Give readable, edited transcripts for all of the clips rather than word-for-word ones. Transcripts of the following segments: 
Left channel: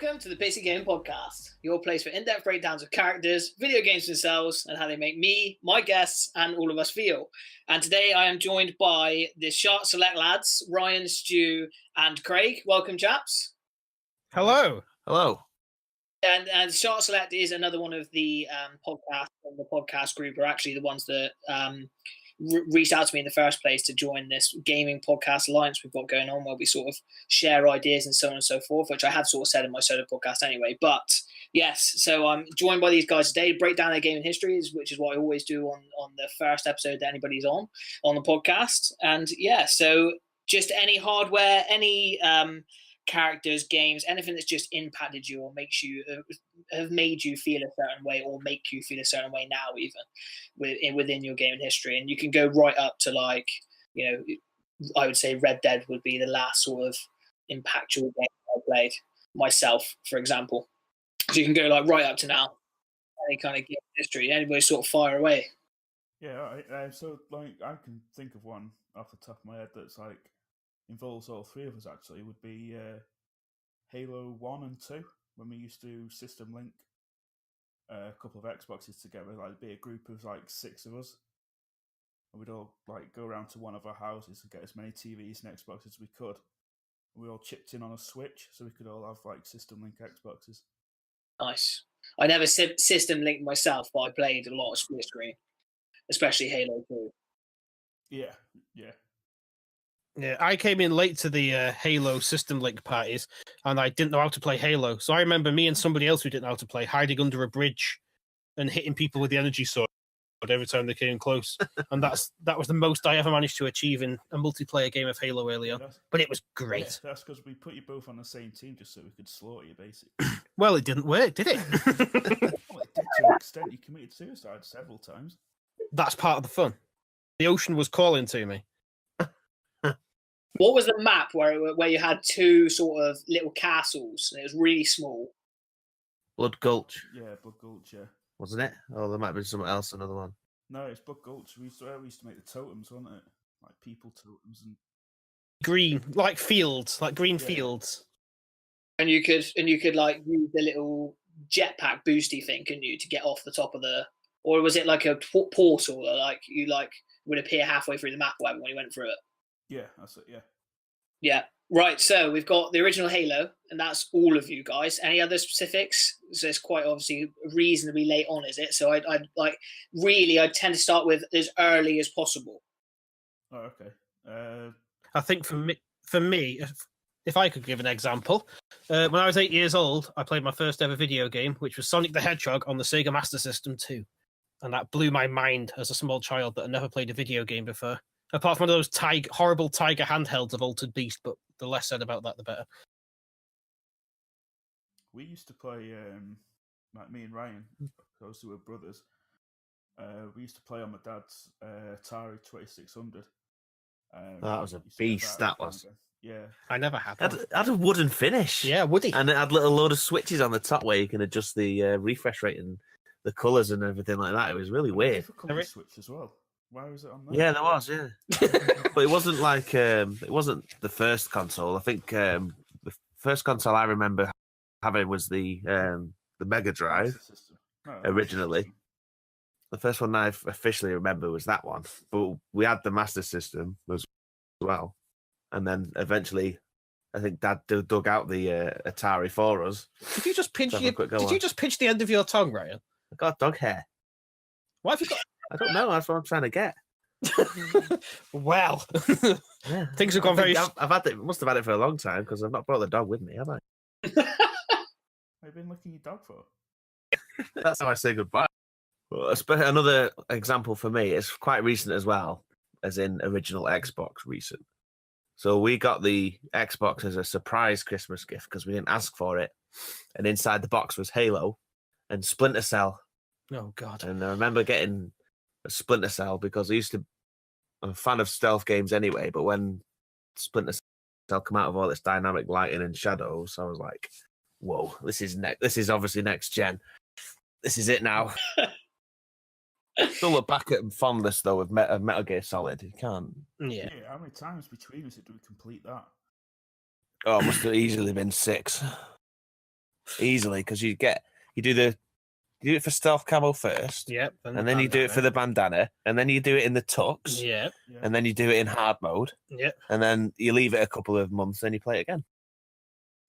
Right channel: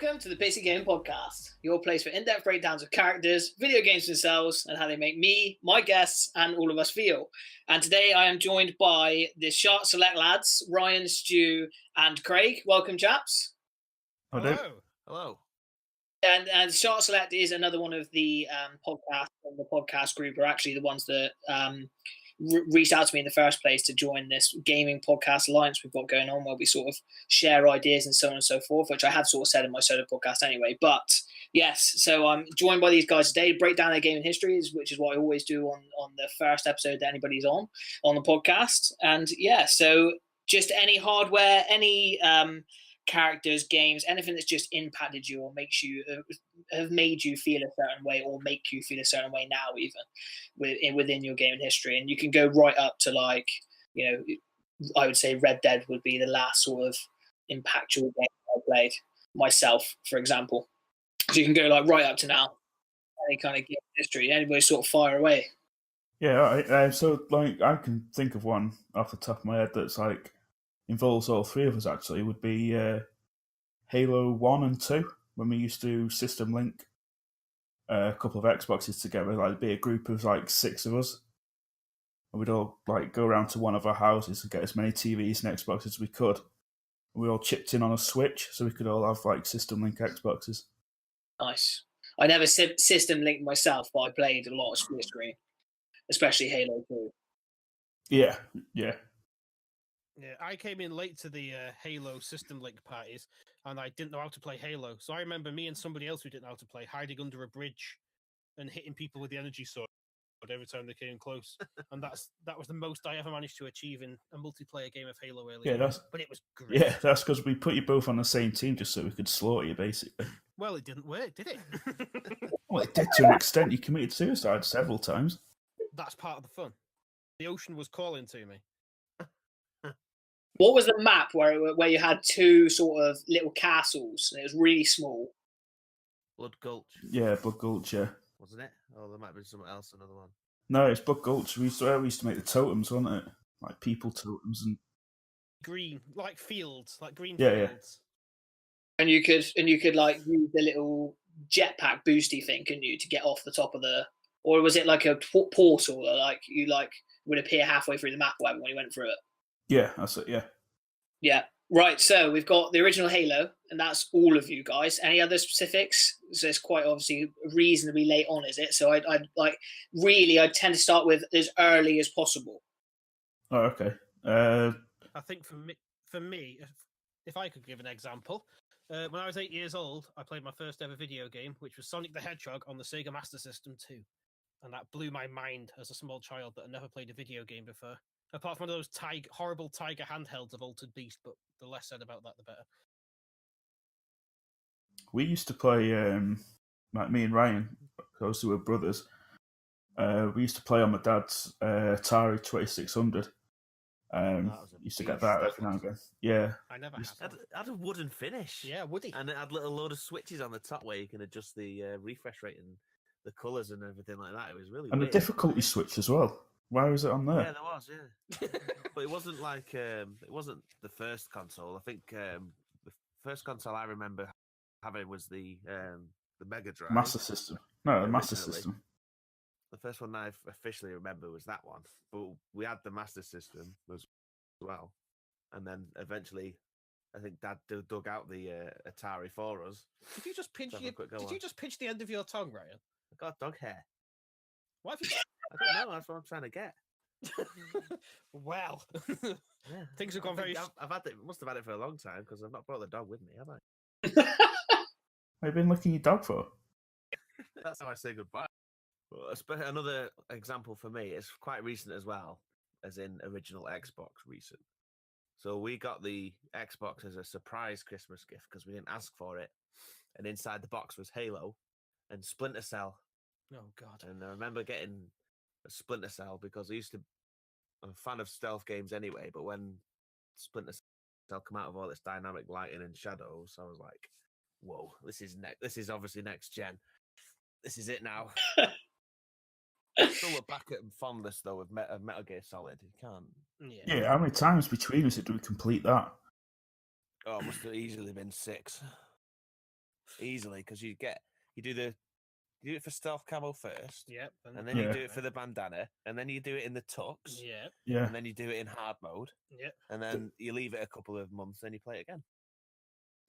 Welcome to the PIXI Game Podcast, your place for in-depth breakdowns of characters, video games themselves, and how they make me, my guests, and all of us feel. And today I am joined by the Shart Select lads, Ryan, Stu, and Craig. Welcome, chaps. Hello. Hello. And Shart Select is another one of the podcasts from the podcast group, are actually the ones that reached out to me in the first place to join this gaming podcast alliance we've got going on, where we sort of share ideas and so on and so forth, which I have sort of said in my solo podcast anyway. But yes, so I'm joined by these guys today to break down their gaming histories, which is what I always do on the first episode that anybody's on the podcast. And yeah, so just any hardware, any characters, games, anything that's just impacted you or makes you have made you feel a certain way or make you feel a certain way now, even within your gaming history. And you can go right up to, like, you know, I would say Red Dead would be the last sort of impactful game I played myself, for example. So you can go like right up to now, any kind of game history. Anybody sort of fire away. Yeah, all right. So like I can think of one off the top of my head that's like involves all three of us. Actually, would be Halo 1 and 2, when we used to system link a couple of Xboxes together. Like, be a group of like 6 of us, and we'd all like go around to one of our houses and get as many TVs and Xboxes as we could. We all chipped in on a Switch, so we could all have like system link Xboxes. Nice. I never system linked myself, but I played a lot of split screen, especially Halo 2. Yeah. Yeah, I came in late to the Halo system link parties, and I didn't know how to play Halo. So I remember me and somebody else who didn't know how to play hiding under a bridge and hitting people with the energy sword every time they came close. And that was the most I ever managed to achieve in a multiplayer game of Halo early on. But it was great. Yeah, that's because we put you both on the same team just so we could slaughter you, basically. Well, it didn't work, did it? Well, it did to an extent. You committed suicide several times. That's part of the fun. The ocean was calling to me. What was the map where you had 2 sort of little castles and it was really small? Blood Gulch. Yeah, Blood Gulch, yeah. Wasn't it? Oh, there might be something else, another one. No, it's Blood Gulch. We used to make the totems, wasn't it? Like people totems and green, like fields, like green fields. And you could like use the little jetpack boosty thing, couldn't you, to get off the top of the, or was it like a portal that like you like would appear halfway through the map or whatever when you went through it? Yeah, that's it. Yeah. Yeah. Right. So we've got the original Halo, and that's all of you guys. Any other specifics? So it's quite obviously reasonably late on, is it? So I'd tend to start with as early as possible. Oh, okay. I think for me, if I could give an example, when I was 8 years old, I played my first ever video game, which was Sonic the Hedgehog on the Sega Master System 2. And that blew my mind as a small child that had never played a video game before. Apart from one of those horrible Tiger handhelds of Altered Beast, but the less said about that, the better. We used to play, like me and Ryan, because we were brothers. We used to play on my dad's Atari 2600. That was a beast. That was. Yeah. I never had one. It had a wooden finish. Yeah, woody. And it had a little load of switches on the top where you can adjust the refresh rate and the colours and everything like that. It was really weird. A difficulty switch as well. Why was it on there? Yeah, there was, yeah. But it wasn't like, it wasn't the first console. I think the first console I remember having was the Mega Drive. Master System. No, originally. Master System. The first one I officially remember was that one. But we had the Master System as well. And then eventually, I think Dad dug out the Atari for us. Did you just pinch the end of your tongue, Ryan? I got dog hair. Why have you got... I don't know. That's what I'm trying to get. Well, yeah. Things have gone very... I've had it. Must have had it for a long time because I've not brought the dog with me, have I? What have you been licking your dog for? That's how I say goodbye. Well, another example for me is quite recent as well, as in original Xbox recent. So we got the Xbox as a surprise Christmas gift because we didn't ask for it, and inside the box was Halo and Splinter Cell. Oh, God. And I remember getting a Splinter Cell because I'm a fan of stealth games anyway, but when Splinter Cell come out of all its dynamic lighting and shadows, I was like, whoa, this is obviously next gen. This is it now. Still look back at fondness, though, of Metal Gear Solid. You can't... Yeah, how many times between us did we complete that? Oh, it must have easily been 6. easily because you do it for stealth camo first, Yep. and then you do it for the bandana, and then you do it in the tux, Yeah. and then you do it in hard mode, Yep. and then you leave it a couple of months, then you play it again.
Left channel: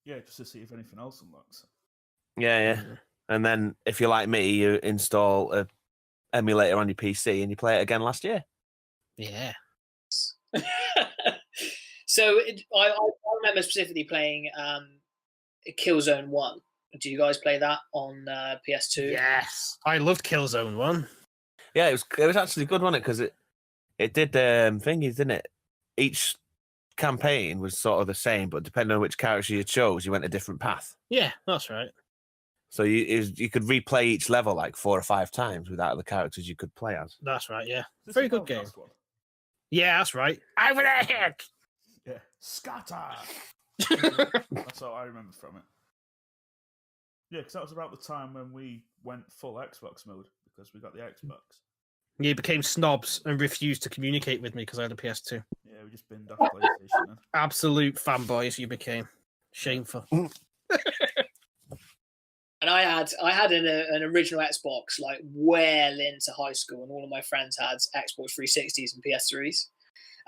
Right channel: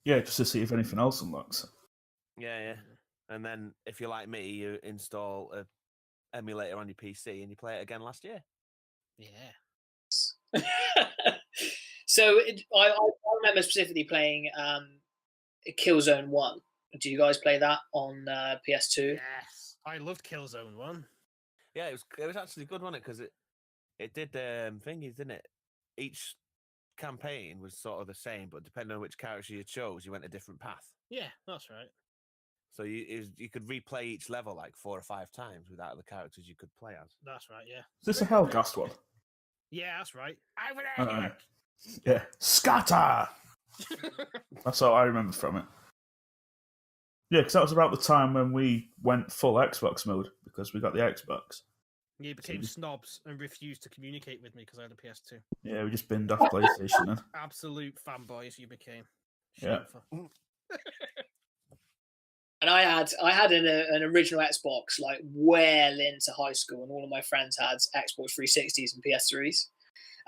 Yeah, just to see if anything else unlocks. Yeah. And then if you're like me, you install a emulator on your PC and you play it again last year. Yeah. So I remember specifically playing Killzone 1. Do you guys play that on PS2? Yes. I loved Killzone 1. Yeah, it was actually good, wasn't it? Because it did thingies, didn't it? Each campaign was sort of the same, but depending on which character you chose, you went a different path. Yeah, that's right. So you could replay each level like 4 or 5 times without the characters you could play as. That's right, yeah. Is this Very a good game. Hellcast one? Yeah, that's right. Over there, heck! Yeah. Scatter! That's all I remember from it. Yeah, because that was about the time when we went full Xbox mode, because we got the Xbox. You became snobs and refused to communicate with me because I had a PS2. Yeah, we just binned off PlayStation then. Absolute fanboys you became. Shameful. Yeah. And I had an original Xbox like well into high school, and all of my friends had Xbox 360s and PS3s.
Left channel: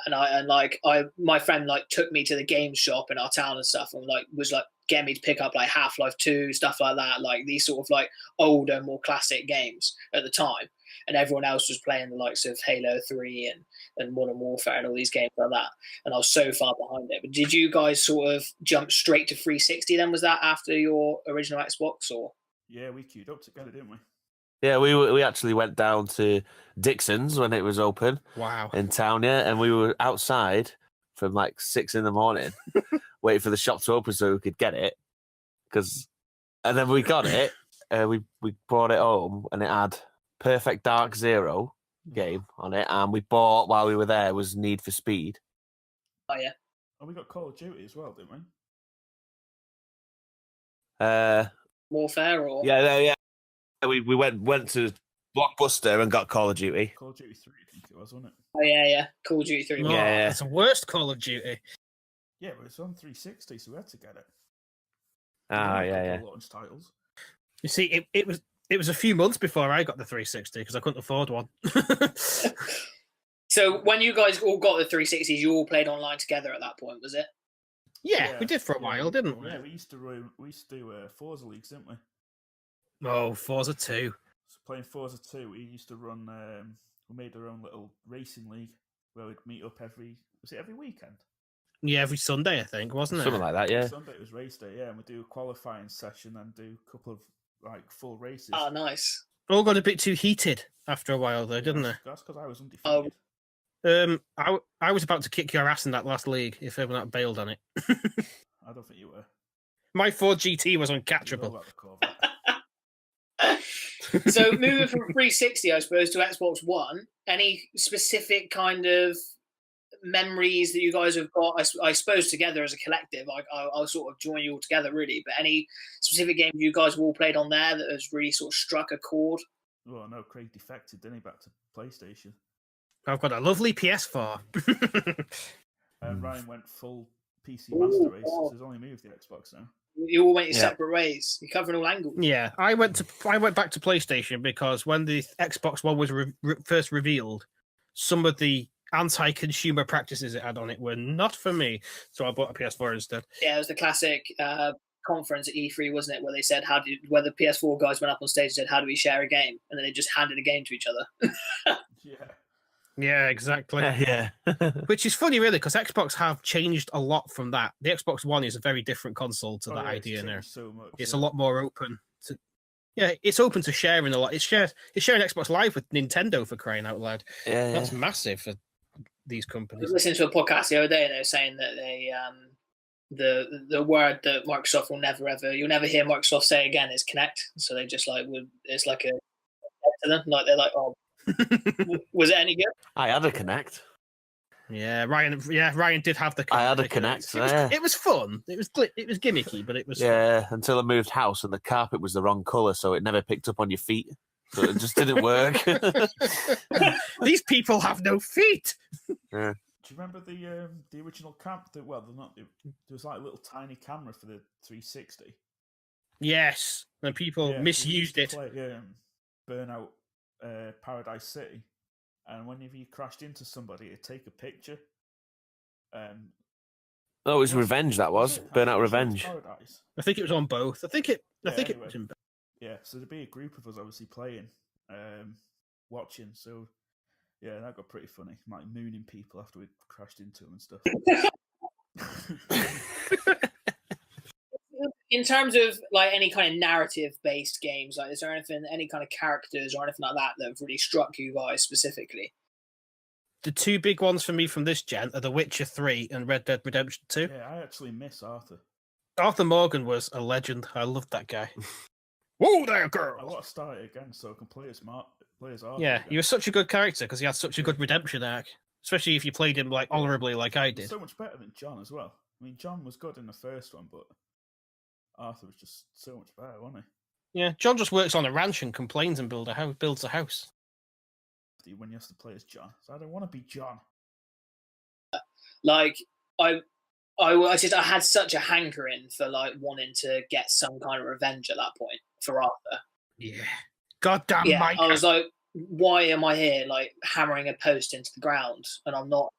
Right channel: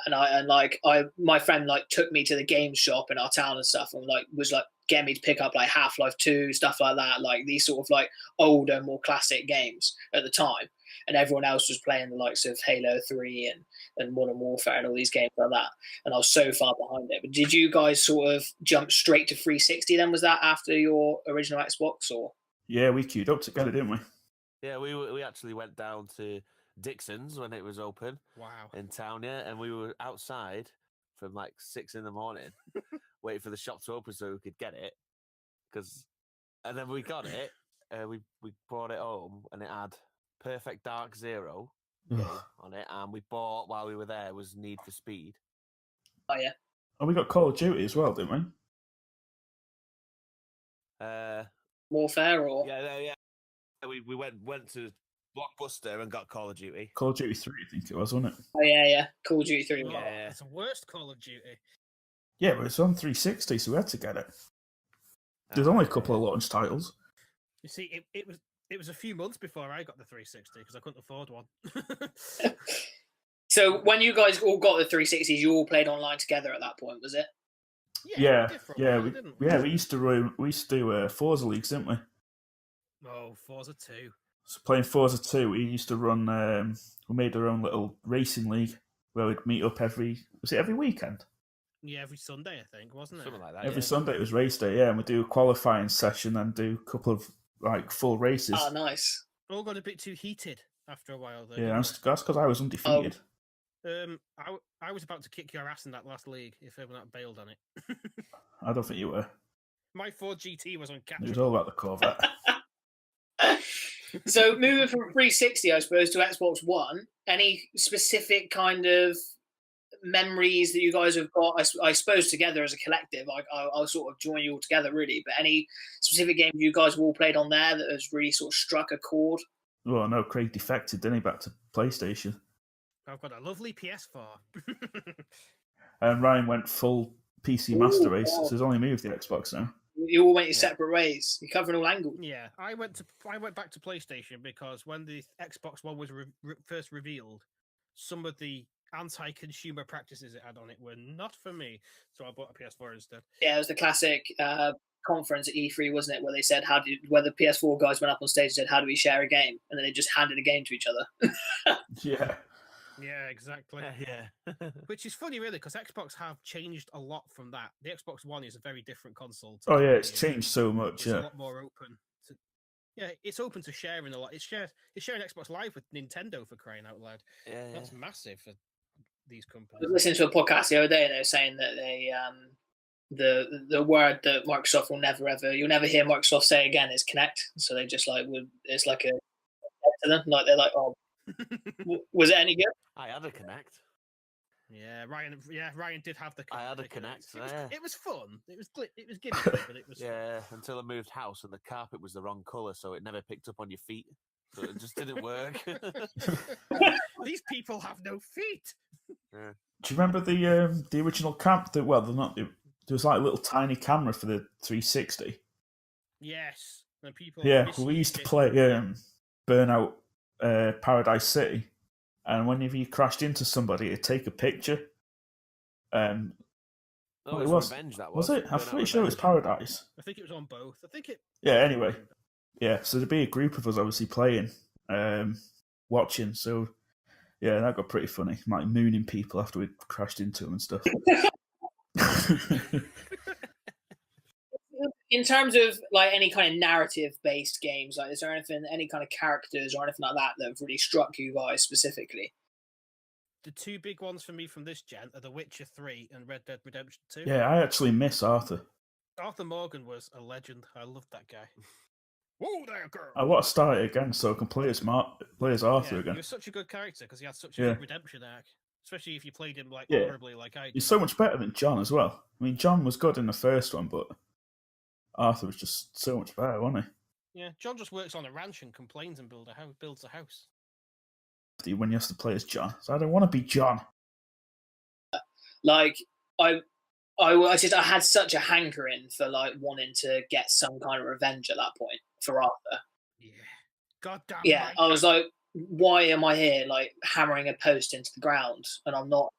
And my friend like took me to the game shop in our town and stuff, and like was like getting me to pick up like Half-Life 2, stuff like that, like these sort of like older, more classic games at the time. And everyone else was playing the likes of Halo 3 and Modern Warfare and all these games like that. And I was so far behind it. But did you guys sort of jump straight to 360 then? Was that after your original Xbox or? Yeah, we queued up together, didn't we? Yeah, we actually went down to Dixon's when it was open. Wow. In town, yeah, and we were outside from like 6 a.m, waiting for the shop to open so we could get it. And then we got it, we brought it home, and it had Perfect Dark Zero game on it, and we bought while we were there was Need for Speed. Oh yeah. And we got Call of Duty as well, didn't we? Warfare or? Yeah. We went to Blockbuster and got Call of Duty. Call of Duty 3, I think it was, wasn't it? Oh yeah. Call of Duty 3. Oh, Yeah. It's the worst Call of Duty. Yeah, but it's on 360, so we had to get it. There's only a couple of launch titles. You see, it was a few months before I got the 360 because I couldn't afford one. So when you guys all got the 360s, you all played online together at that point, was it? Yeah, we did for a while, didn't we? Yeah, we used to do Forza leagues, didn't we? Oh, Forza 2. So playing Forza 2, we used to run. We made our own little racing league where we'd meet up every weekend? Yeah, every Sunday, I think, wasn't it? Something like that, Every yeah. Sunday it was race day, yeah, and we'd do a qualifying session and do a couple of like full races. Oh, nice. All got a bit too heated after a while, though, didn't it? That's because I was undefeated. I was about to kick your ass in that last league if everyone had bailed on it. I don't think you were. My Ford GT was It was all uncatchable. about the Corvette. So moving from 360, I suppose, to Xbox One, any specific kind of memories that you guys have got, I suppose, together as a collective? I'll sort of join you all together, really. But any specific games you guys have all played on there that has really sort of struck a chord? Well, no, Craig defected, didn't he, back to PlayStation? I've got a lovely PS4. And Ryan went full PC Master Race, wow. so he's only moved the Xbox now. You all went your separate ways. You're covering all angles. Yeah, I went back to PlayStation because when the Xbox One was first revealed, some of the anti-consumer practices it had on it were not for me, so I bought a PS4 instead. Yeah, it was the classic conference at E3, wasn't it, where they said where the PS4 guys went up on stage and said, "How do we share a game?" And then they just handed a game to each other. Yeah. Yeah, exactly. Yeah. Which is funny, really, because Xbox have changed a lot from that. The Xbox One is a very different console to that It's idea changed now. so much. It's a lot more open. It's open to sharing a lot. It's sharing Xbox Live with Nintendo, for crying out loud. Yeah. That's massive for these I companies. was listening to a podcast the other day, and they were saying that they the word that Microsoft you'll never hear Microsoft say again is Connect. So they just it's like a to them, like they're like, oh, was it any good? I had a Connect. Yeah, Ryan did have the Connect. I had a Connect. It was fun. It was gimmicky, but it was Yeah, until I moved house and the carpet was the wrong colour, so it never picked up on your feet. So it just didn't work. These people have no feet. Do you remember the original camp? There was like a little tiny camera for the 360. Yes, and people Yeah, we misused used to it. play Burnout Paradise City, and whenever you crashed into somebody, it'd take a picture. Oh, it was Revenge. That was it? Burnout I'm sure it was Revenge. Paradise. I think it was on both. I think it Anyway, was in both. yeah. So there'd be a group of us obviously playing, watching. So yeah, that got pretty funny. Like mooning people after we crashed into them and stuff. In terms of like any kind of narrative-based games, like is there any kind of characters or anything like that have really struck you guys specifically? The two big ones for me from this gen are The Witcher 3 and Red Dead Redemption 2. Yeah, I actually miss Arthur. Arthur Morgan was a legend. I loved that guy. Whoa there, girl! I want to start it again so I can play as Arthur Yeah, again. he was such a good character because he had such a good redemption arc. Especially if you played him like honorably like I did. He's so much better than John as well. I mean, John was good in the first one, but Arthur was just so much better, wasn't Yeah, John just works on a ranch and complains and builds a house. he? When you have to play as John. So I don't want to be John. Like I had such a hankering for like wanting to get some kind of revenge at that point for Arthur. Yeah. Goddamn Yeah, Micah. I was like, why am I here like hammering a post into the ground and I'm not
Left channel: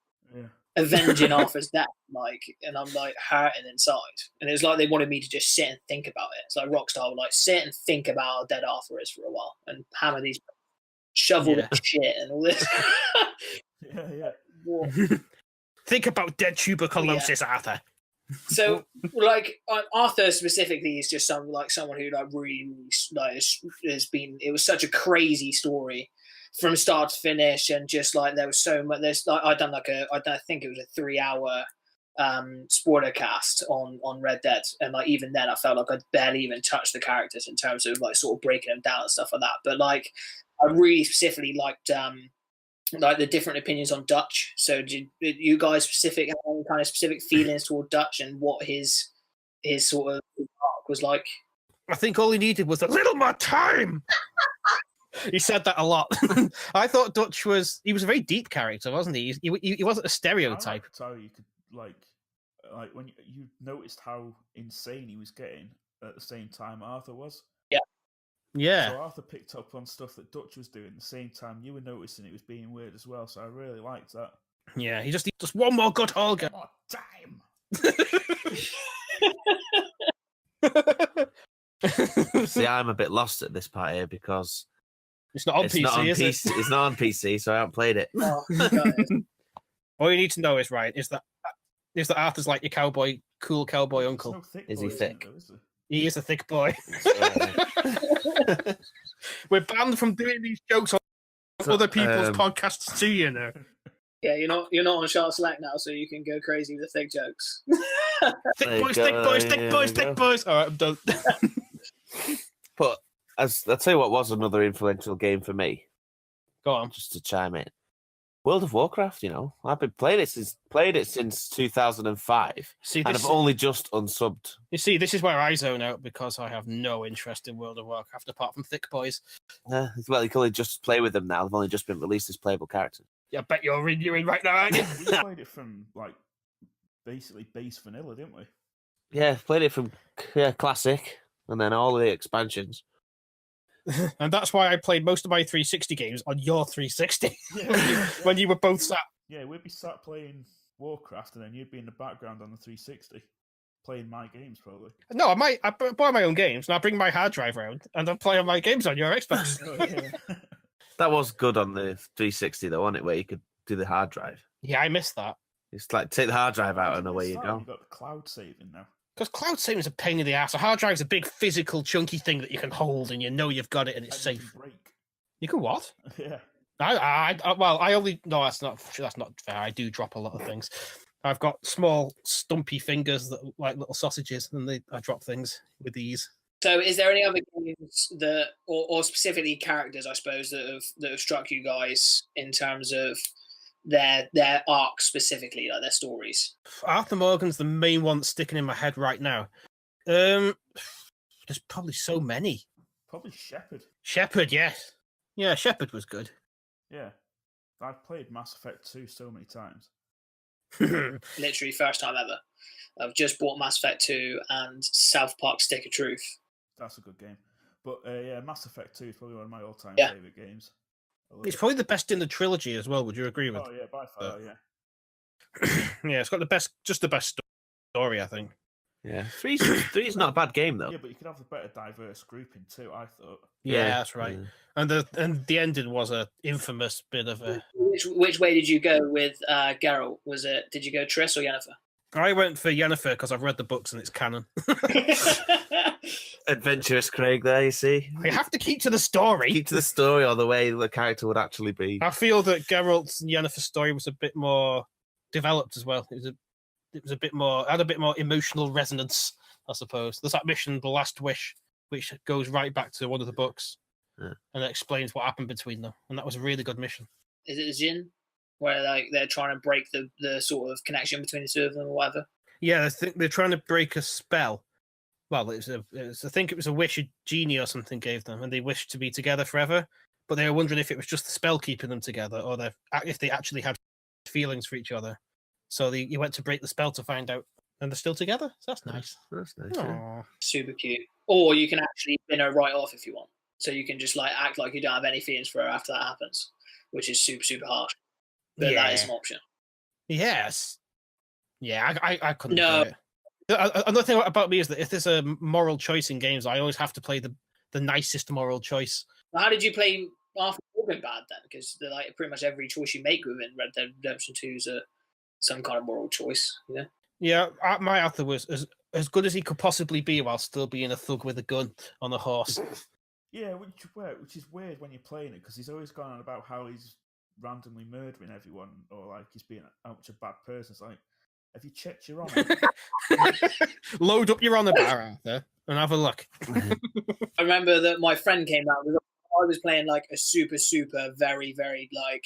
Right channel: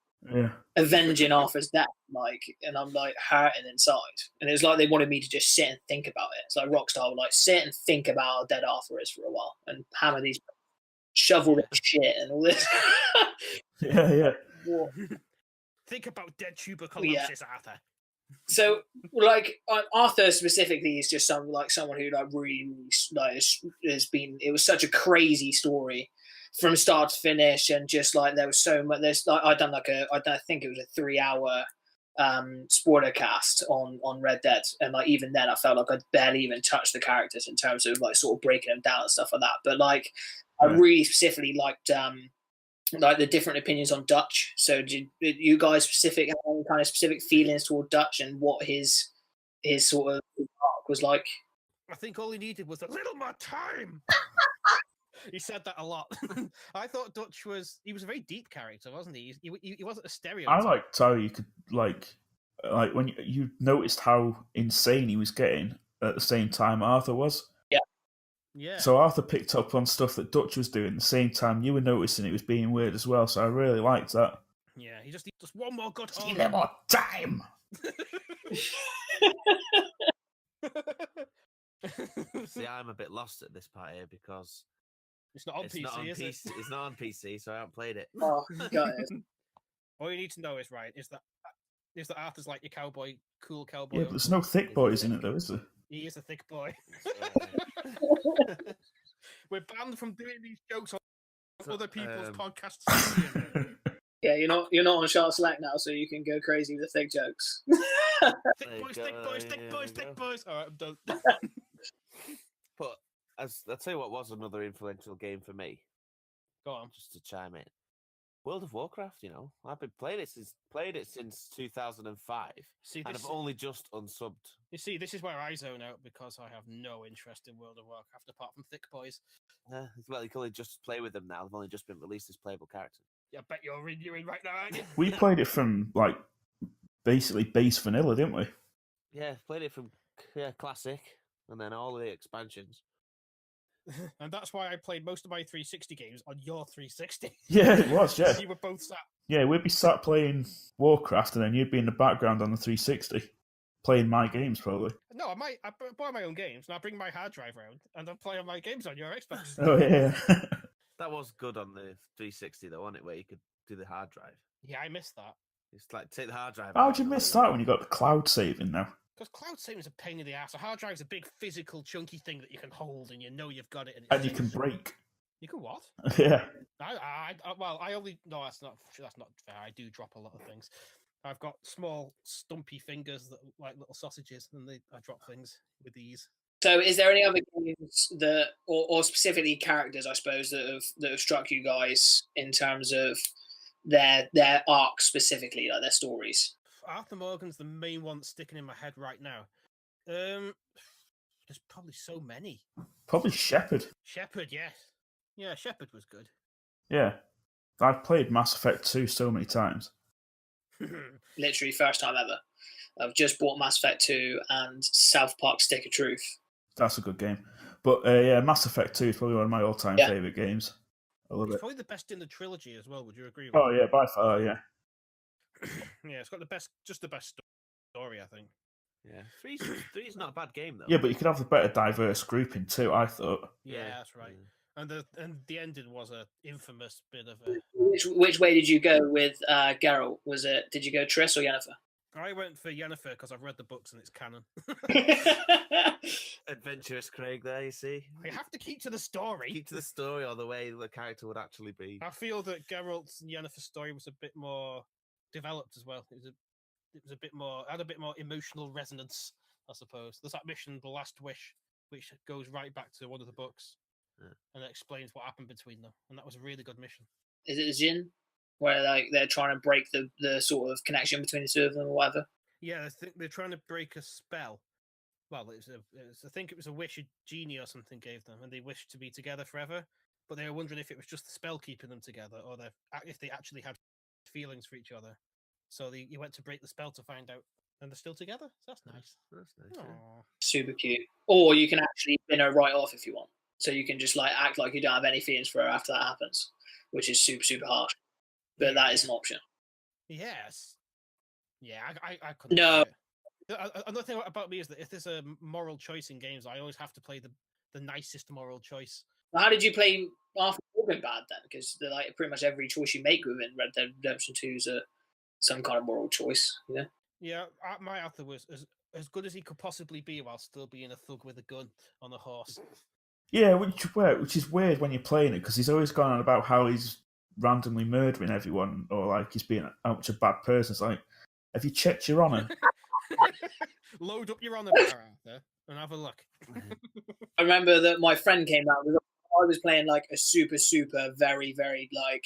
avenging Arthur's death, like, and I'm like hurting inside. And it was like they wanted me to just sit and think about it. It's like Rockstar would like sit and think about how dead Arthur is for a while and hammer these, shovel this shit and all this. Yeah. Think about dead tuberculosis, Arthur. So, like Arthur specifically is just someone who like really like has been. It was such a crazy story from start to finish, and just like there was so much. There's like I think it was a 3-hour spoiler cast on Red Dead, and like even then I felt like I'd barely even touched the characters in terms of like sort of breaking them down and stuff like that. But like I really specifically liked like the different opinions on Dutch. So did you guys have any kind of specific feelings toward Dutch and what his sort of arc was like? I think all he needed was a little more time. He said that a lot. I thought Dutch was a very deep character, wasn't he? He wasn't a stereotype. I liked how you could like when you noticed how insane he was getting at the same time Arthur was. Yeah. So Arthur picked up on stuff that Dutch was doing at the same time you were noticing it was being weird as well. So I really liked that. Yeah, he just one more good hug. One more time. See, I'm a bit lost at this part here because it's not on PC, is it? It's not on PC, so I haven't played it. Oh, all you need to know is that Arthur's like your cool cowboy uncle. There's no thick boys in it though, is there? He is a thick boy. We're banned from doing these jokes on other people's podcasts too, you know. Yeah, you're not on Shart Select now, so you can go crazy with thick jokes. Thick boys. All right, I'm done. But I'll tell you what was another influential game for me. Go on, just to chime in. World of Warcraft, you know, I've been playing it since 2005. And I've only just unsubbed. You see, this is where I zone out because I have no interest in World of Warcraft apart from thick boys. Well, you can only just play with them now. They've only just been released as playable characters. Yeah, I bet you're renewing right now, aren't you? We played it from like basically base vanilla, didn't we? Yeah, played it from classic and then all of the expansions. And that's why I played most of my 360 games on your 360. Yeah, it was, yeah. When you were both sat. Yeah, we'd be sat playing Warcraft, and then you'd be in the background on the 360 playing my games, probably. No, I buy my own games, and I bring my hard drive around, and I play on my games on your Xbox. Oh yeah, that was good on the 360 though, wasn't it? Where you could do the hard drive. Yeah, I missed that. It's like take the hard drive How out. did you miss that when you got the cloud saving now? Because cloud saving is a pain in the ass. A hard drive is a big physical chunky thing that you can hold and you know you've got it and it's safe. You can break. You can what? Yeah. I only no, that's not fair. I do drop a lot of things. I've got small stumpy fingers that look like little sausages, and I drop things with these. So, is there any other games that, or specifically characters, I suppose, that have struck you guys in terms of their arc specifically, like their stories? Arthur Morgan's the main one that's sticking in my head right now. There's probably so many. Probably Shepard. Shepard, yes. Yeah, Shepard was good. Yeah. I've played Mass Effect 2 so many times. Literally first time ever. I've just bought Mass Effect 2 and South Park Stick of Truth. That's a good game. But yeah, Mass Effect 2 is probably one of my all-time Yeah. favourite games. I love It's it. probably the best in the trilogy as well. Would you agree with? Oh yeah, by far, yeah. Yeah, it's got the best story, I think. Yeah, three's not a bad game though. Yeah, but you could have a better diverse grouping too, I thought. Yeah, Yeah, that's right. yeah. And the ending was a infamous bit of a. Which way did you go with Geralt? Did you go Triss or Yennefer? I went for Yennefer because I've read the books and it's canon. Adventurous Craig there, you see. I have to keep to the story. Keep to the story or the way the character would actually be. I feel that Geralt's and Yennefer's story was a bit more developed as well. It was a bit more, had a bit more emotional resonance, I suppose. There's that mission, The Last Wish, which goes right back to one of the books and it explains what happened between them. And that was a really good mission. Is it Jin? Where like they're trying to break the sort of connection between the two of them or whatever? Yeah, I think they're trying to break a spell. Well, I think it was a wish a genie or something gave them, and they wished to be together forever. But they were wondering if it was just the spell keeping them together, or if they actually had feelings for each other. So you went to break the spell to find out, and they're still together. So that's nice. That's nice. Yeah. Super cute. Or you can actually bin her right off if you want. So you can just like act like you don't have any feelings for her after that happens, which is super, super harsh. But that is an option. Yes. Yeah, I couldn't No. do it. Another thing about me is that if there's a moral choice in games, I always have to play the nicest moral choice. How did you play Arthur Morgan bad then? Because like pretty much every choice you make within Red Dead Redemption 2 is some kind of moral choice, you know? Yeah, my Arthur was as good as he could possibly be while still being a thug with a gun on a horse. Yeah, which is weird when you're playing it, because he's always gone on about how he's randomly murdering everyone, or like he's being how much a bad person. It's like, have you checked your honour? Load up your honour bar, Arthur, and have a look. I remember that my friend came out with. I was playing like a super, super, very, very like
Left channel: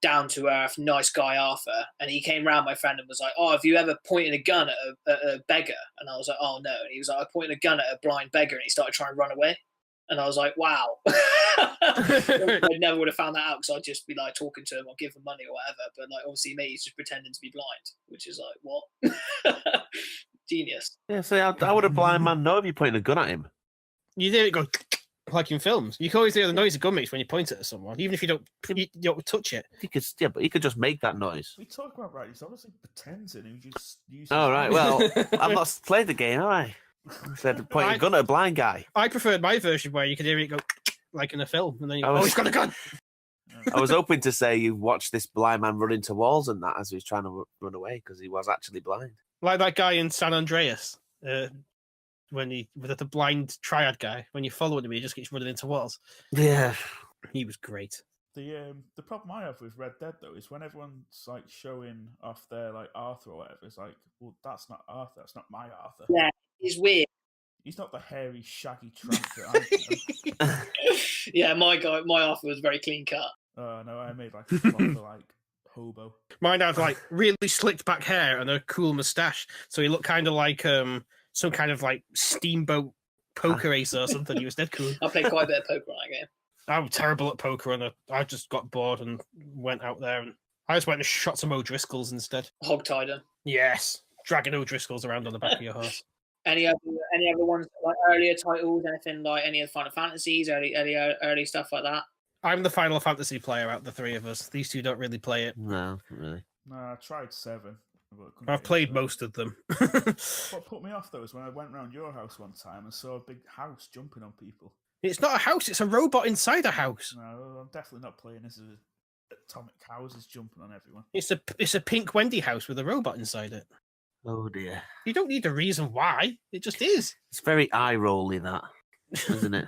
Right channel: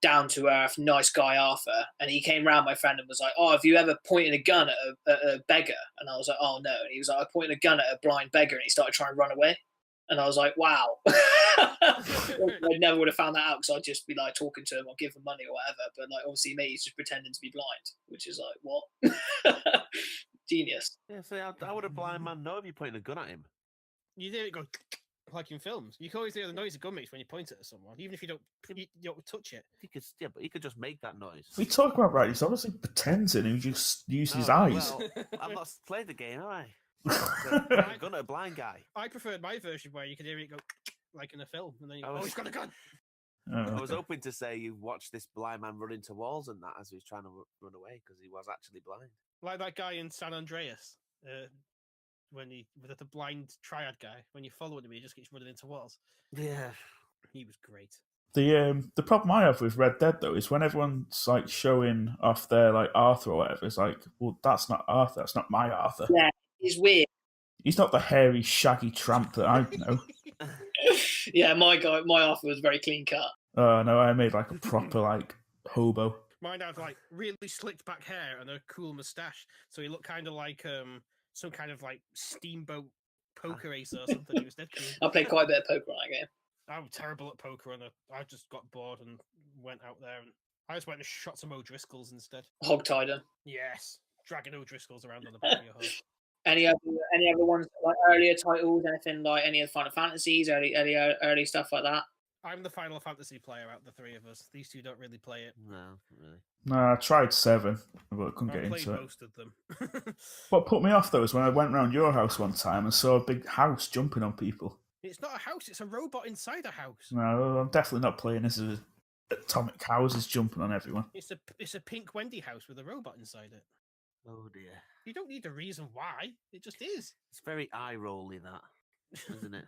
down to earth, nice guy Arthur, and he came round my friend and was like, "Oh, have you ever pointed a gun at a beggar?" And I was like, "Oh no," and he was like, "I pointed a gun at a blind beggar," and he started trying to run away. And I was like, "Wow!" I never would have found that out because I'd just be like talking to him or give him money or whatever. But like, obviously, me, he's just pretending to be blind, which is like, what? Genius. Yeah, so how would a blind man know if you're pointing a gun at him? You hear it go like in films. You can always hear the noise a gun makes when you point it at someone, even if you don't touch it. But he could just make that noise. We talk about right. He's obviously pretending. He just uses All eyes. right, well, I've not played the game, have I? Said point a gun at a blind guy. I preferred my version where you could hear it go like in a film, and then you go, he's got a gun. I was hoping to say you watched this blind man run into walls and that as he was trying to run away because he was actually blind. Like that guy in San Andreas, with the blind triad guy. When you follow him, he just keeps running into walls. Yeah, he was great. The problem I have with Red Dead though is when everyone's like showing off their like Arthur or whatever, it's like, well, that's not Arthur. That's not my Arthur. Yeah, he's weird. He's not the hairy, shaggy tramp that I know. Yeah, my Arthur was very clean cut. Oh no, I made like a proper like hobo. Mine had like really slicked back hair and a cool moustache, so he looked kind of like some kind of like steamboat poker ace or something. He was dead cool. I played quite a bit of poker on that game. I'm terrible at poker, and I just got bored and went out there, and I just went and shot some O'Driscolls instead. Hogtied them. Yes, dragging O'Driscolls around on the back of your horse. Any other ones like earlier titles? Anything like any of the Final Fantasies, early stuff like that? I'm the Final Fantasy player out of the three of us. These two don't really play it. No, not really. No, I tried 7. I've played most of them. What put me off though is when I went round your house one time and saw a big house jumping on people. It's not a house; it's a robot inside a house. No, I'm definitely not playing this as atomic houses jumping on everyone. It's a pink Wendy house with a robot inside it. Oh dear. You don't need a reason why. It just is. It's very eye-rolly, that, isn't it?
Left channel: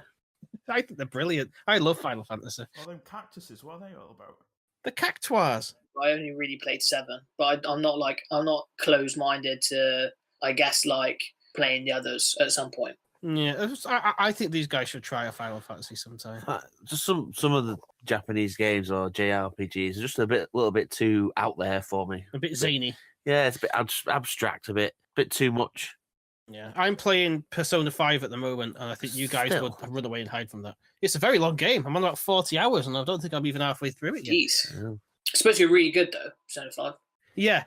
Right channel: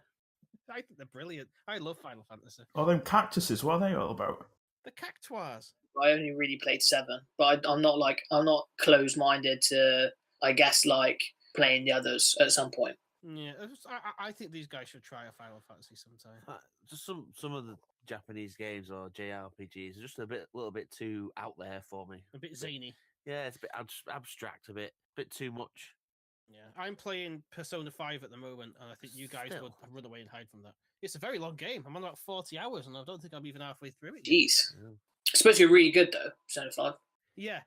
I think they're brilliant. I love Final Fantasy. Oh, them cactuses, what are they all about? The cactuars. I only really played 7, but I'm not closed-minded to, I guess, like playing the others at some point. Yeah, I think these guys should try a Final Fantasy sometime. Just some of the Japanese games or JRPGs are just a little bit too out there for me. A bit zany. Yeah, it's a bit abstract, a bit too much. Yeah, I'm playing Persona 5 at the moment, and I think you guys would run away and hide from that. It's a very long game. I'm on about 40 hours, and I don't think I'm even halfway through it yet. Jeez. Yeah. It's supposed to be really good, though, Persona 5. Yeah,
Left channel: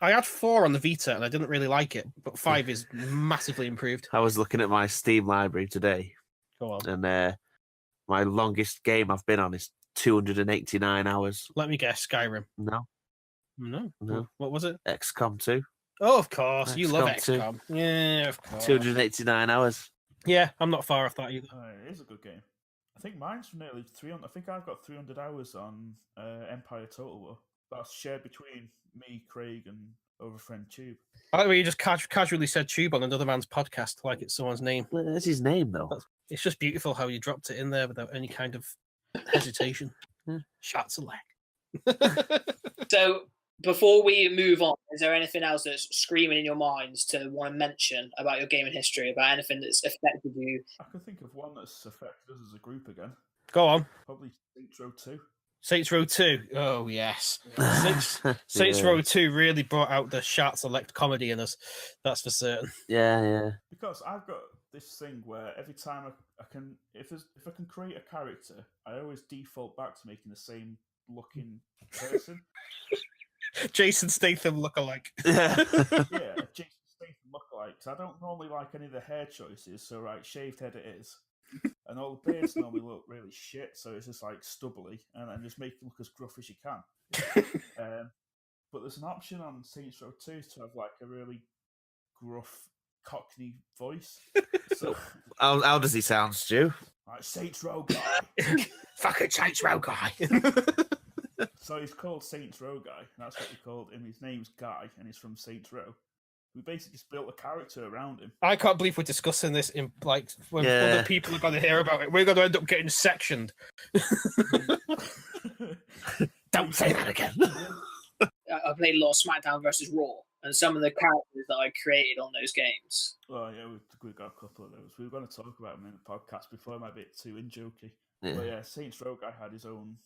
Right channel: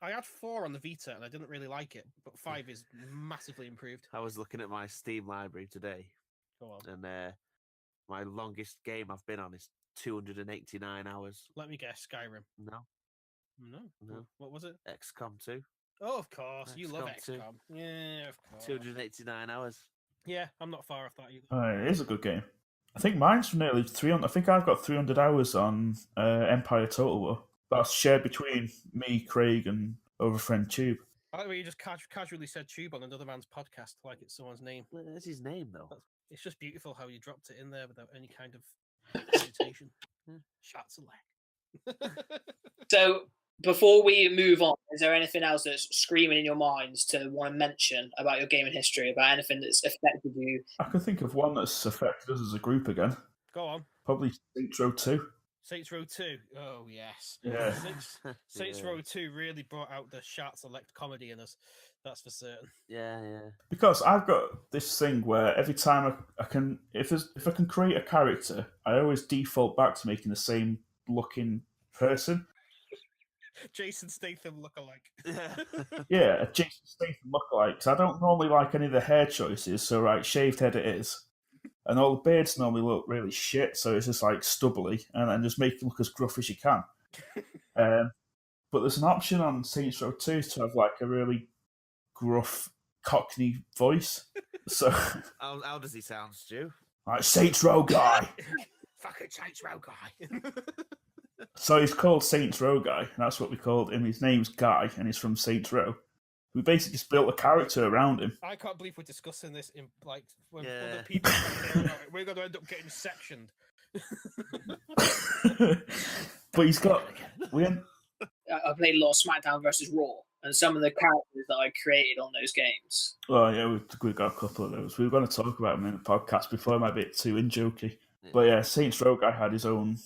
I had 4 on the Vita and I didn't really like it, but 5 is massively improved. I was looking at my Steam library today, Go on. and my longest game I've been on is 289 hours. Let me guess, Skyrim. No. No. What was it? XCOM 2. Oh, of course. You love XCOM 2. XCOM. Yeah, of course. 289 hours. Yeah, I'm not far off that either. It is a good game. I think mine's nearly 300. I think I've got 300 hours on Empire Total War. That's shared between me, Craig, and our friend Tube. I like the way you just casually said Tube on another man's podcast like it's someone's name. That's his name, though. It's just beautiful how you dropped it in there without any kind of hesitation. Shart Select. So before we move on, is there anything else that's screaming in your minds to want to mention about your gaming history, about anything that's affected you? I can think of one that's affected us as a group again. Go on. Probably Saints Row 2. Saints Row 2. Oh, yes. Yeah. Saints Row 2 really brought out the Shart Select comedy in us. That's for certain. Yeah. Because I've got this thing where every time I can, if I can create a character, I always default back to making the same looking person. Jason Statham lookalike. Yeah, a Jason Statham lookalike. Because I don't normally like any of the hair choices, so right, shaved head it is. And all the beards normally look really shit, so it's just like stubbly, and just make it look as gruff as you can. But there's an option on Saints Row 2 to have like a really gruff Cockney voice. So how does he sound, Stu? Like Saints Row guy. Fucking Saints Row guy. So he's called Saints Row guy, and that's what we called him. His name's Guy, and he's from Saints Row. We basically just built a character around him. I can't believe we're discussing this in like when other people are going to hear about it. We're going to end up getting sectioned. Don't say that again. I played a lot of SmackDown versus Raw, and some of the characters that I created on those games. Oh yeah, we've got a couple of those. We were going to talk about them in the podcast before. It might be a bit too in-jokey. Yeah. But yeah, Saints Row guy had his own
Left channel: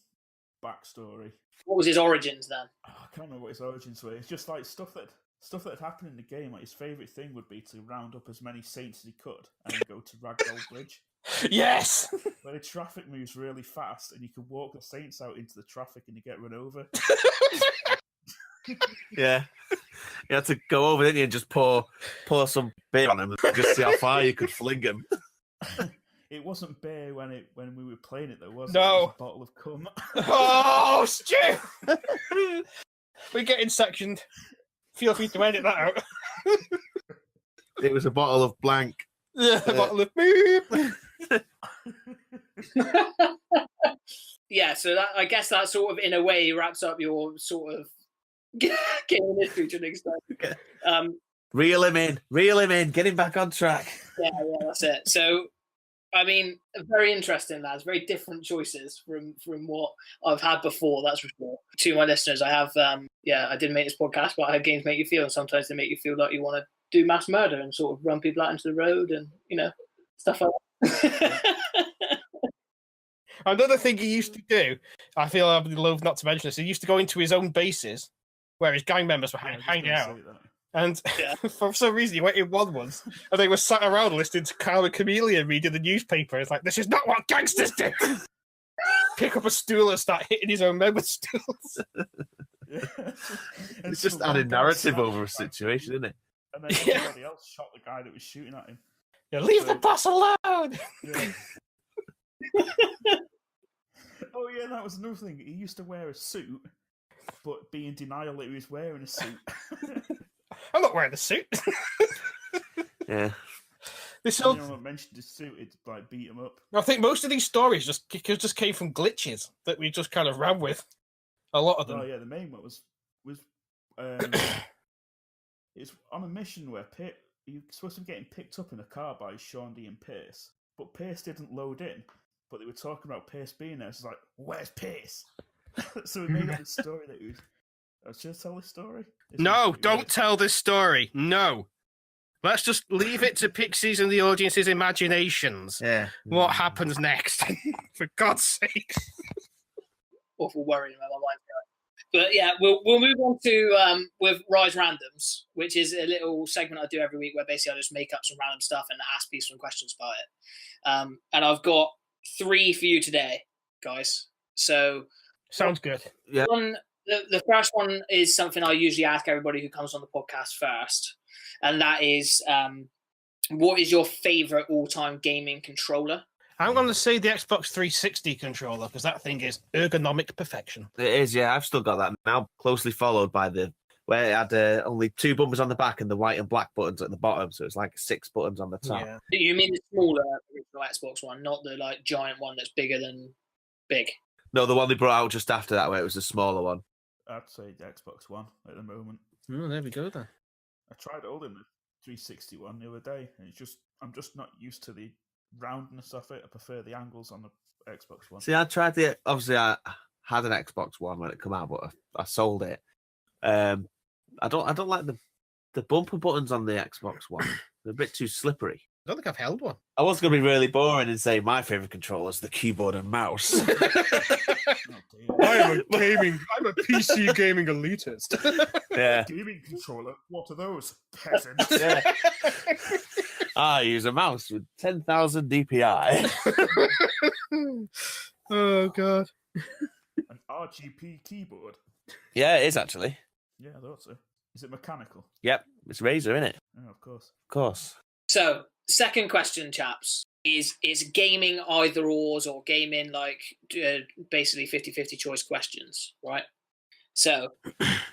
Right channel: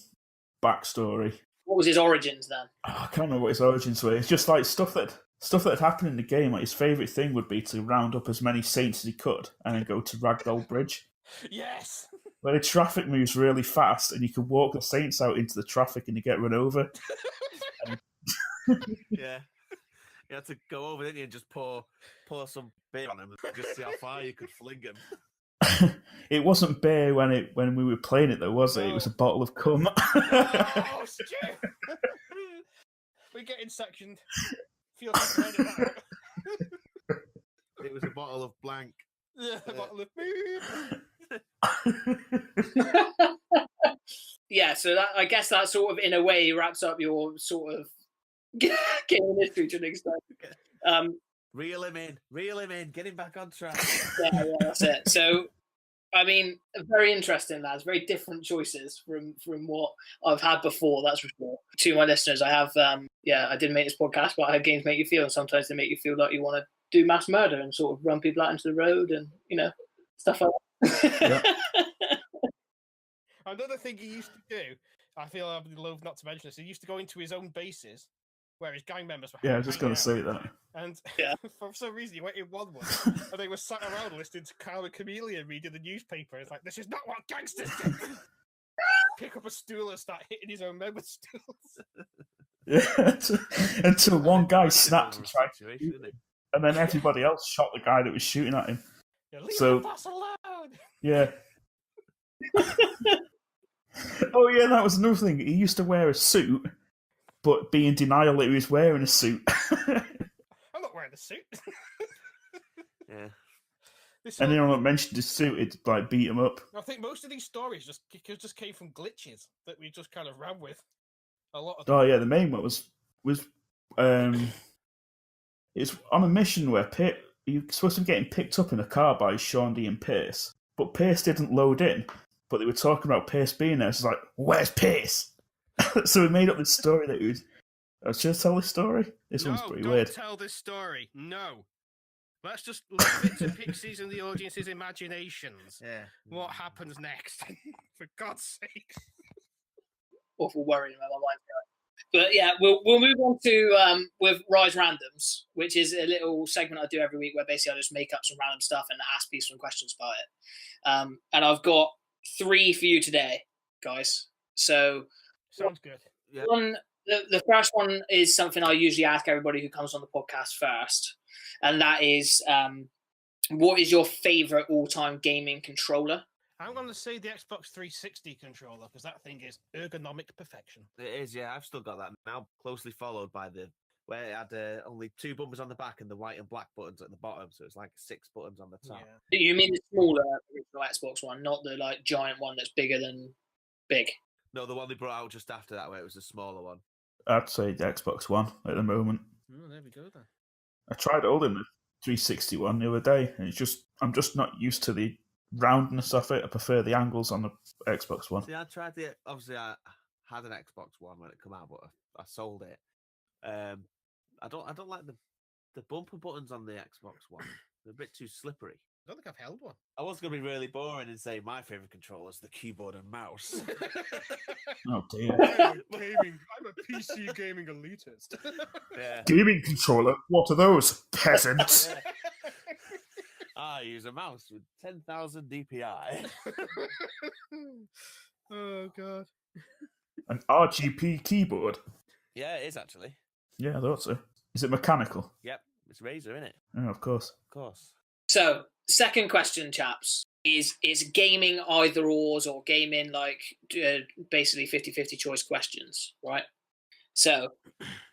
backstory. What was his origins then? I can't remember what his origins were. It's just like stuff that had happened in the game. Like his favourite thing would be to round up as many saints as he could and then go to Ragdoll Bridge. Yes! Where the traffic moves really fast and you can walk the saints out into the traffic and you get run over. Yeah. You had to go over, didn't you, and just pour some beer on him and just see how far you could fling him. It wasn't beer when we were playing it, though, was it? It was a bottle of cum. Oh, Stu! We're getting sectioned. Feel free to edit that out. It was a bottle of blank. Yeah, a bottle of beep. Yeah, so that, I guess that sort of, in a way, wraps up your sort of gaming history to an extent. Reel him in, get him back on track. Yeah, that's it. So, I mean, very interesting, lads. Very different choices from what I've had before, that's for sure. To my listeners, I have, I didn't make this podcast, but I have games make you feel, and sometimes they make you feel like you want to do mass murder and sort of run people out into the road and, stuff like that. Yeah. Another thing he used to do, I feel I'd be loath not to mention this, he used to go into his own bases where his gang members were hanging out. Say that. And for some reason, he went in one once, and they were sat around listening to Carl and Chameleon reading the newspaper. It's like, this is not what gangsters do. Pick up a stool and start hitting his own members' stools. Yeah. Until one guy snapped over a situation, isn't it? And then everybody else shot the guy that was shooting at him. Yeah, leave the boss alone. Yeah. Oh yeah, that was another thing. He used to wear a suit, but be in denial that he was wearing a suit. I'm not wearing a suit. Yeah. Anyone that mentioned his suit, it'd like beat him up. I think most of these stories just came from glitches that we just kind of ran with. A lot of them. Oh yeah, the main one was it's on a mission where you're supposed to be getting picked up in a car by Sean D and Pierce, but Pierce didn't load in. But they were talking about Pierce being there. So it's like, where's Pierce? So we made up this story that he was. Should I tell this story? No, don't tell this story. No. Let's just leave it to PIXI's and the audience's imaginations. Yeah. What happens next? For God's sake. Awful worrying about my mind. But yeah, we'll move on to with Rise Randoms, which is a little segment I do every week where basically I just make up some random stuff and ask people some questions about it. And I've got 3 for you today, guys. So sounds good. Yeah. One the first one is something I usually ask everybody who comes on the podcast first, and that is, what is your favorite all-time gaming controller? I'm going to say the Xbox 360 controller because that thing is ergonomic perfection. It is, yeah. I've still got that now, closely followed by where it had only 2 bumpers on the back and the white and black buttons at the bottom, so it's like 6 buttons on the top. Yeah. You mean the smaller original Xbox one, not the like giant one that's bigger than big? No, the one they brought out just after that, where it was the smaller one. I'd say the Xbox One at the moment. Oh, there we go then. I tried holding the 360 one the other day, and I'm just not used to the roundness of it. I prefer the angles on the Xbox One. See, I tried obviously I had an Xbox One when it came out, but I sold it. I don't like the bumper buttons on the Xbox One. They're a bit too slippery. I don't think I've held one. I was going to be really boring and say my favorite controller is the keyboard and mouse. Oh dear. I'm a PC gaming elitist. Yeah. Gaming controller? What are those, peasants? Yeah. I use a mouse with 10,000 DPI. Oh god. An RGB keyboard? Yeah, it is actually. Yeah, I thought so. Is it mechanical? Yep, it's Razer, isn't it? Oh, of course. Of course. So, second question, chaps, is gaming either ors or gaming like basically 50-50 choice questions, right? So,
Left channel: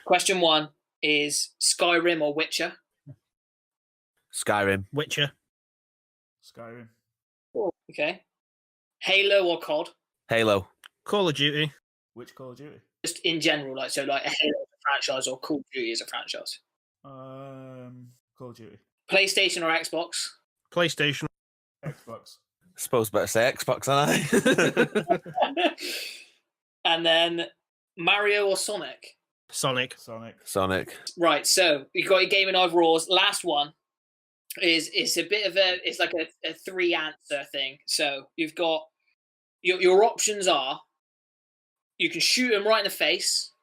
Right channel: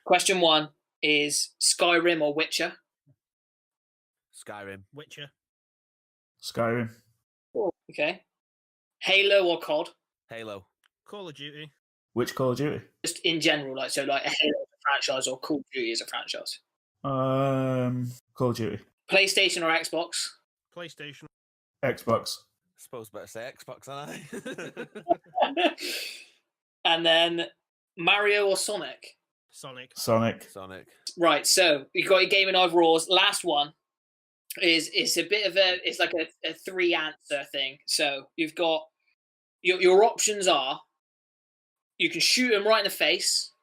question 1 is Skyrim or Witcher? Skyrim. Witcher. Skyrim. Oh, okay. Halo or COD? Halo. Call of Duty. Which Call of Duty? Just in general, like so, like a Halo as a franchise or Call of Duty as a franchise. Call of Duty. PlayStation or Xbox? PlayStation. Xbox. I suppose better say Xbox, aren't I? And then Mario or Sonic? Sonic. Sonic. Right, so you got your gaming overalls. Last one is it's a bit of it's like a 3 answer thing. So you've got your options are you can shoot them right in the face,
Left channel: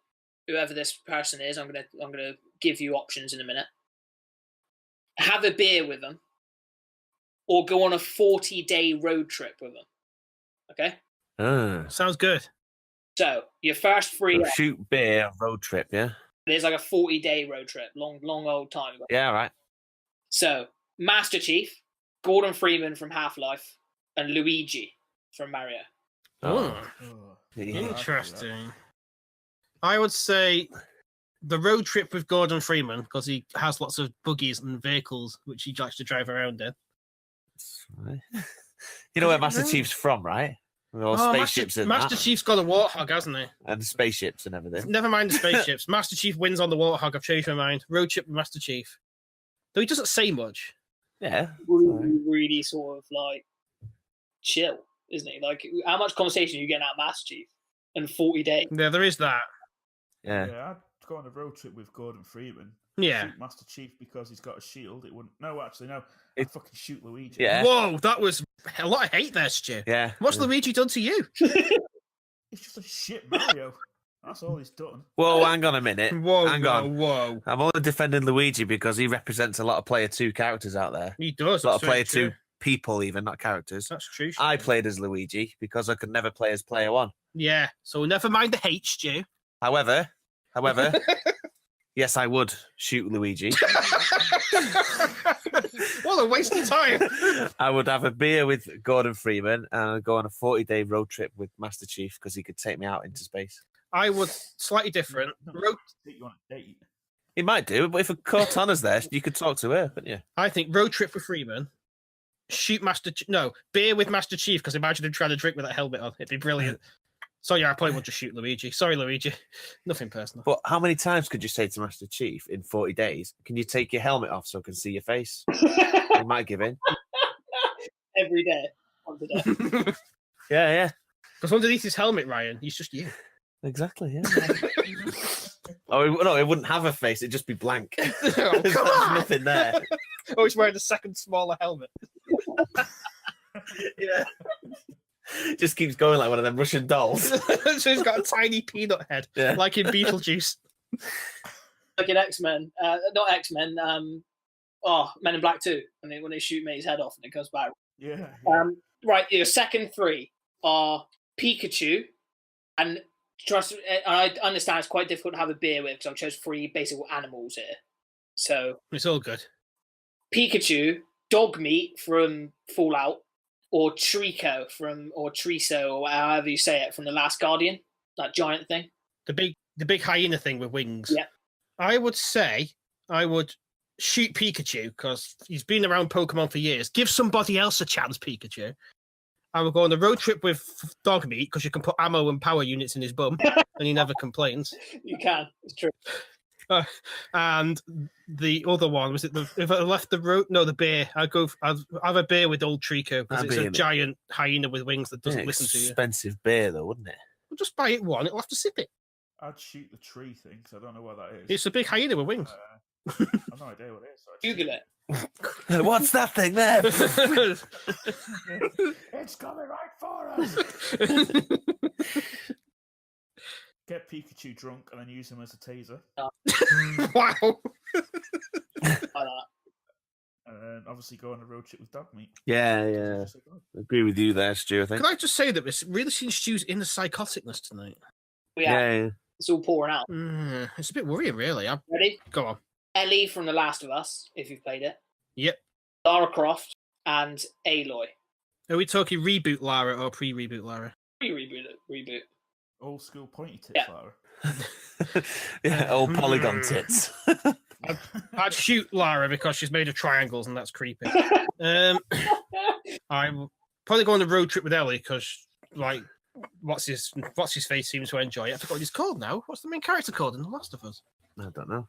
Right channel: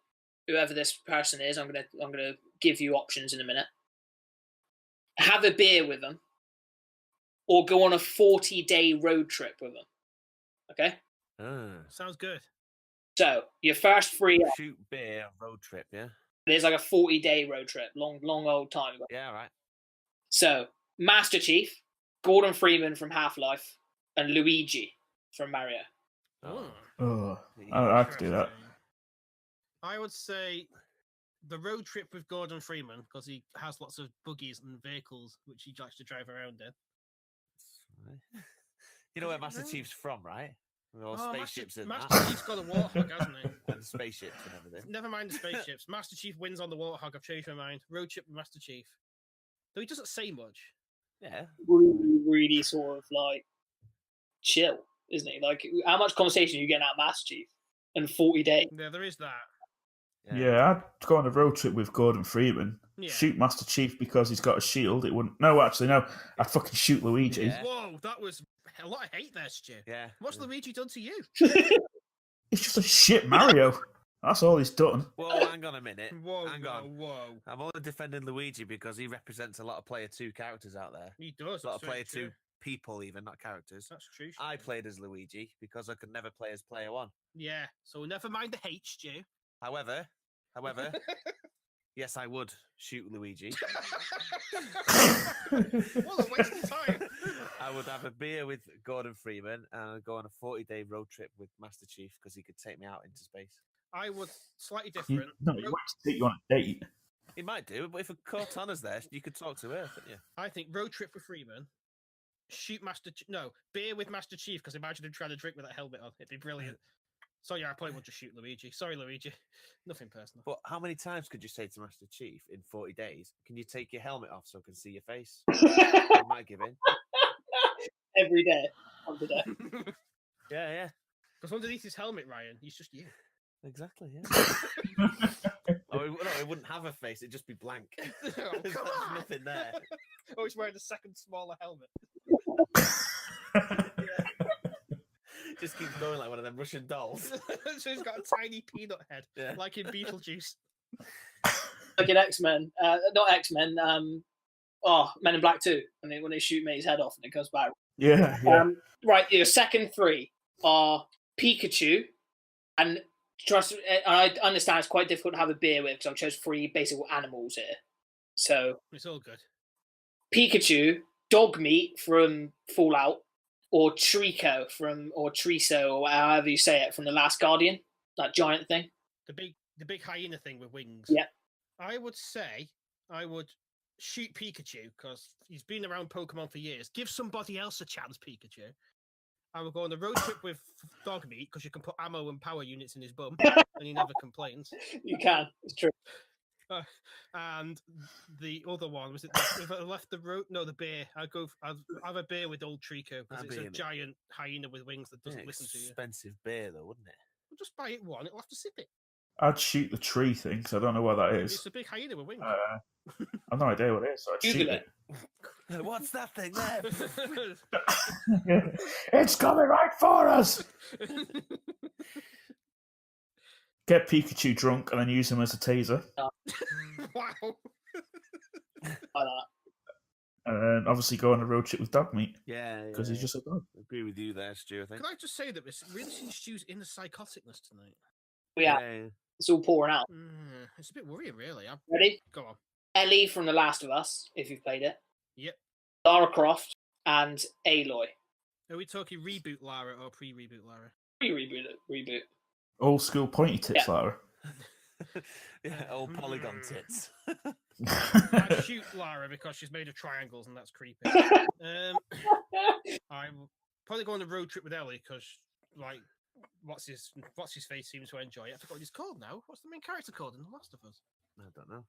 whoever this person is. I'm gonna give you options in a minute. Have a beer with them, or go on a 40-day road trip with them. Okay. Sounds good. So your first 3 Shoot, beer, road trip, yeah? there's like a 40-day road trip, long old time ago. Yeah, right. So Master Chief, Gordon Freeman from Half-Life, and Luigi from Mario. Oh, Oh, Yeah. I'd have to do that. interesting. I would say the road trip with Gordon Freeman because he has lots of buggies and vehicles which he likes to drive around in. Right. You know where Master Chief's from, right? With all spaceships and Master that. Chief's got a warthog, hasn't he? And spaceships and everything. Never mind the spaceships. Master Chief wins on the warthog. I've changed my mind. Road trip with Master Chief. Though he doesn't say much. Yeah. Really sort of like chill, isn't he? Like how much conversation are you getting out of Master Chief in 40 days? Yeah, there is that. Yeah. I'd go on a road trip with Gordon Freeman. Yeah. Shoot Master Chief because he's got a shield. It wouldn't. No, actually, no. I'd fucking shoot Luigi. Yeah. Whoa, that was a lot of hate there, Stu. Yeah. What's Luigi done to you? He's just a shit Mario. That's all he's done. Whoa, hang on a minute. Whoa, Hang on. whoa. I'm only defending Luigi because he represents a lot of Player 2 characters out there. He does. A lot of that's very Player 2 true. people, even, not characters. That's true. I Stu. played as Luigi because I could never play as Player 1. Yeah, so never mind the hate, Stu. However, yes, I would shoot Luigi. What a waste of time. I would have a beer with Gordon Freeman and I'd go on a 40-day road trip with Master Chief because he could take me out into space. I would slightly different. No, he wants to take you on a date. He might do, but if a Cortana's there, you could talk to her, couldn't you? I think road trip with Freeman. Shoot beer with Master Chief because imagine him trying to drink with that helmet on. It'd be brilliant. So yeah, I probably would just shoot Luigi. Sorry, Luigi. Nothing personal. But how many times could you say to Master Chief in 40 days, can you take your helmet off so I can see your face? He might give in. Every day. Once a day. Yeah. Because underneath his helmet, Ryan, he's just you. Exactly, yeah. No, it wouldn't have a face, it'd just be blank. Oh, There's come on. nothing there. Oh, he's wearing a second smaller helmet. Yeah. Just keeps going like one of them Russian dolls. So he's got a tiny peanut head, Yeah. like in Beetlejuice. Like in X-Men. Not X-Men. Men in Black 2. When they shoot mate's head off and it comes back. Yeah. Right, your second 3 are Pikachu and trust. I understand it's quite difficult to have a beer with because I've chosen 3 basic animals here. So It's all good. Pikachu, dog meat from Fallout, or Trico or Triso, or however you say it, from The Last Guardian, that giant thing. The big hyena thing with wings. Yeah. I would say I would shoot Pikachu because he's been around Pokemon for years. Give somebody else a chance, Pikachu. I would go on a road trip with dog meat because you can put ammo and power units in his bum and he never complains. You can. It's true. And the other one was if I left the road, no, the bear. I'd have a bear with old Trico because it's a giant hyena with wings that doesn't listen to you. Expensive beer, though, wouldn't it? We'll just buy it one. It'll have to sip it. I'd shoot the tree thing, so I don't know what that is. It's a big hyena with wings. I've no idea what it is. So I'd Google it. What's that thing there? It's coming right for us. Get Pikachu drunk and then use him as a taser. Wow. And then obviously go on a road trip with dog meat. Yeah. He's just a dog. I agree with you there, Stu, I think. Can I just say that this really seems Stu's in the psychoticness tonight? Yeah. It's all pouring out. It's a bit worrying, really. Ready? Go on. Ellie from The Last of Us, if you've played it. Yep. Lara Croft and Aloy. Are we talking reboot Lara or pre-reboot Lara? Reboot. Old school pointy tits, Lara. Yeah, old polygon tits. I'd shoot Lara because she's made of triangles and that's creepy. I'm probably go on a road trip with Ellie because, like, what's his face seems to enjoy it. I forgot what he's called now. What's the main character called in The Last of Us? I don't know.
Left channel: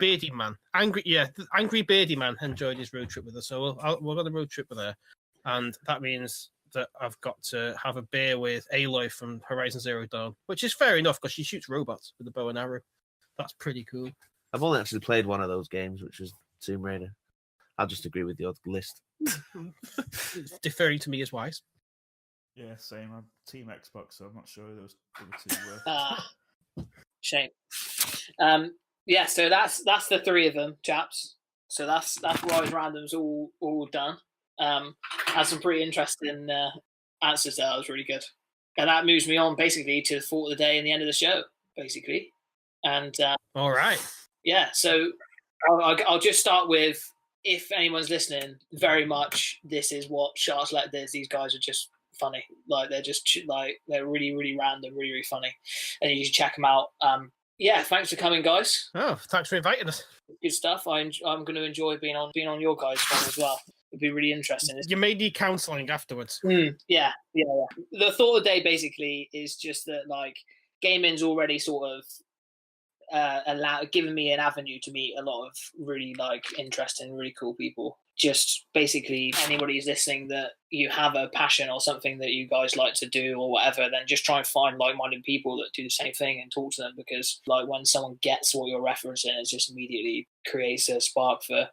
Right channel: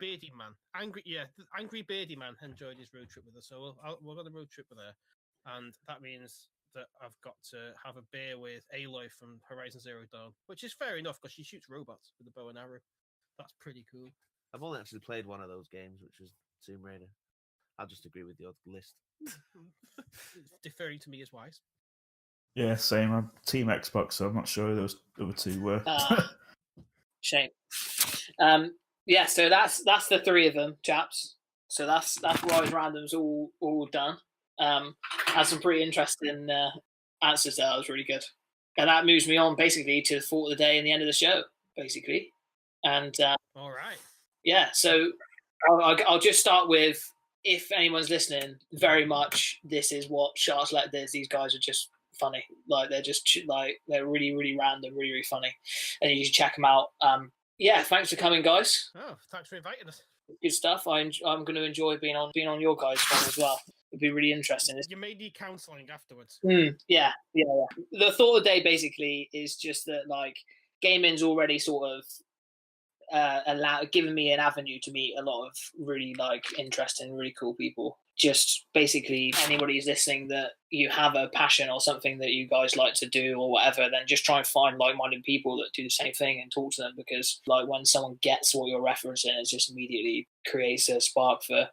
Beardy Man. Angry Beardy Man enjoyed his road trip with her. So we'll go on the road trip with her. And that means that I've got to have a beer with Aloy from Horizon Zero Dawn, which is fair enough because she shoots robots with a bow and arrow. That's pretty cool. I've only actually played one of those games, which was Tomb Raider. I'll just agree with your list. Deferring to me is wise. Yeah, same. I'm Team Xbox, so I'm not sure who those other 2 were. Shame. Yeah, so that's the 3 of them, chaps. So that's Rise Random's all done. Had some pretty interesting answers there. That was really good. And that moves me on basically to the thought of the day and the end of the show, basically. And all right. Yeah, so I'll just start with, if anyone's listening, very much this is what Shart Select does. These guys are just funny. Like they're really, really random, really, really funny. And you should check them out. Yeah, thanks for coming, guys. Oh, thanks for inviting us. Good stuff. I'm going to enjoy being on your guys' channel as well. It'd be really interesting. You may need counselling afterwards. Yeah. The thought of the day basically is just that, like, gaming's already sort of given me an avenue to meet a lot of really, like, interesting, really cool people. Just basically anybody who's listening that you have a passion or something that you guys like to do or whatever, then just try and find like-minded people that do the same thing and talk to them, because like when someone gets what you're referencing, it just immediately creates a spark for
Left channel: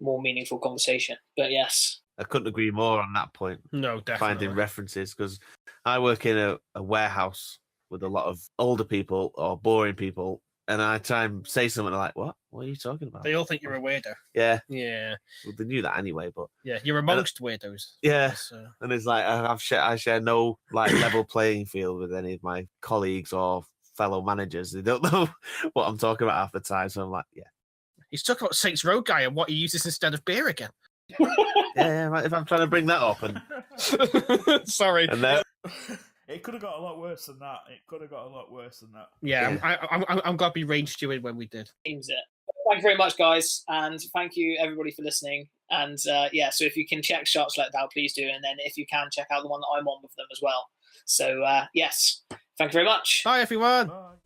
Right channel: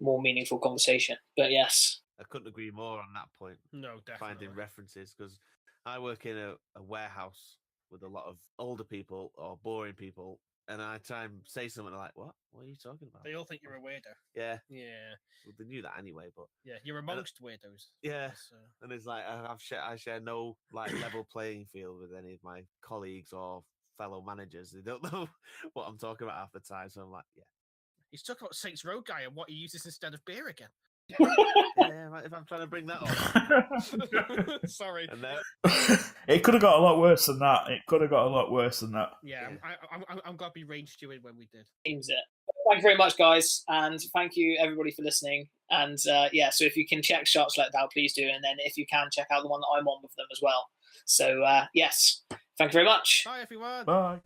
more meaningful conversation. But yes, I couldn't agree more on that point. No, definitely. Finding references, because I work in a warehouse with a lot of older people or boring people, and I try and say something like, what are you talking about? They all think you're a weirdo. Yeah. Well, they knew that anyway, but yeah, you're amongst weirdos. Yeah, so. And it's like I share no like level playing field with any of my colleagues or fellow managers. They don't know what I'm talking about half the time, so I'm like, yeah. He's talking about Saints Row guy and what he uses instead of beer again. Yeah, if I'm trying to bring that up. Sorry. And then... It could have got a lot worse than that. Yeah. I'm glad we ranged you in when we did. Seems it. Thank you very much, guys, and thank you everybody for listening. And so if you can check Shart Select out, please do. And then if you can, check out the one that I'm on with them as well. So yes, thank you very much. Bye, everyone. Bye.